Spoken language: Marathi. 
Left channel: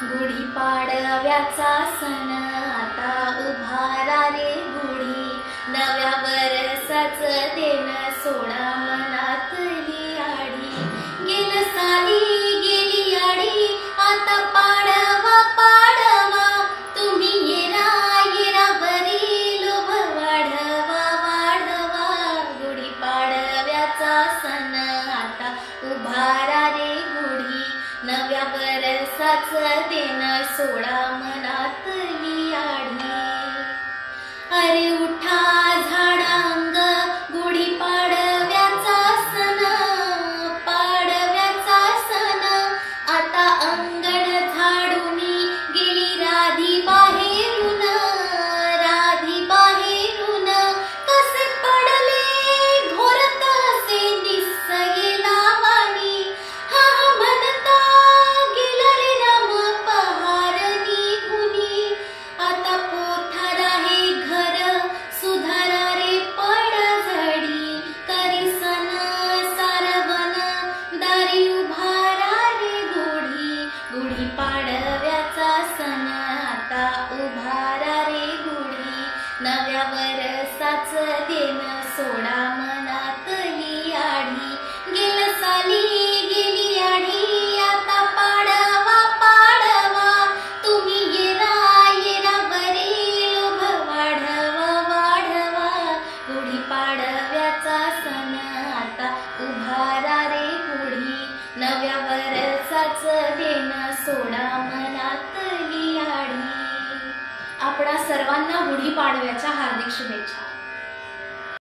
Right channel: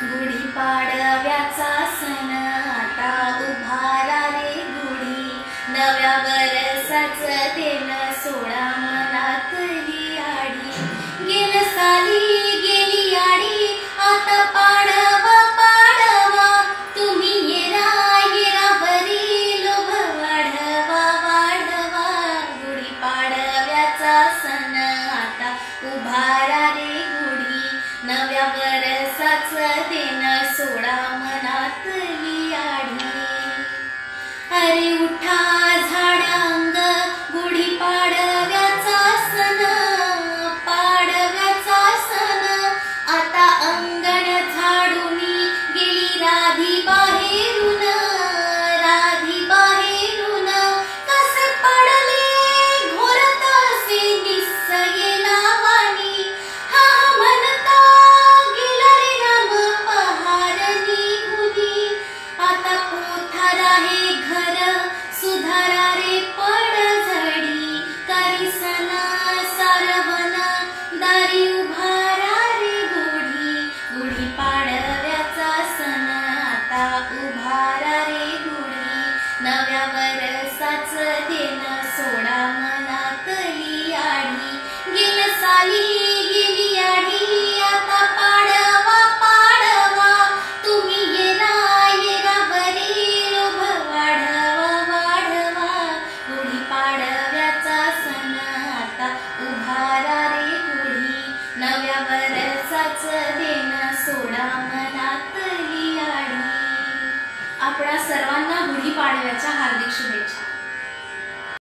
गुढीपाडव्याचा सण आता उभारा रे गुढी, नव्या वर्षाचं देण सोडा मनातली आडी. गेल साली गेली आडी, आता पाडवा पाडवा, तुम्ही येरा येरा बरी लोभ वाढवा वाढवा. गुढीपाडव्याचा सण आता उभारा रे गुढी, नव्या वर्षाचं देण सोडा मनातली आडी. अरे उठा झाडांग गुढीपाडव्याचा सण, पाडव्याचा सण आता अंगण झाडूनी गेली राधी बाहेरून, राधी बाहेरून. कसे पडले घोरत असे निस्सये लावानी, हा म्हणता गेला रे राम पहार निघुनी. आता पोथार आहे घर सुधारा रे पडझडी, करी सण सारवण दारी उभारा रे गुढी. गुढीपाडव्याचा सण आता उभारा रे गुढी, नव्या वर्षाचं देण सोडा मनातली आडी. गेल साली गेली आडी, आता पाडवा पाडवा, तुम्ही येरा येरा बरी लोभ वाढवा वाढवा. गुढीपाडव्याचा सण आता उभारा रे गुढी, नव्या वर्षाचं देण सोडा मनातली आडी. आपणा सर्वांना गुढीपाडव्याच्या हार्दिक शुभेच्छा.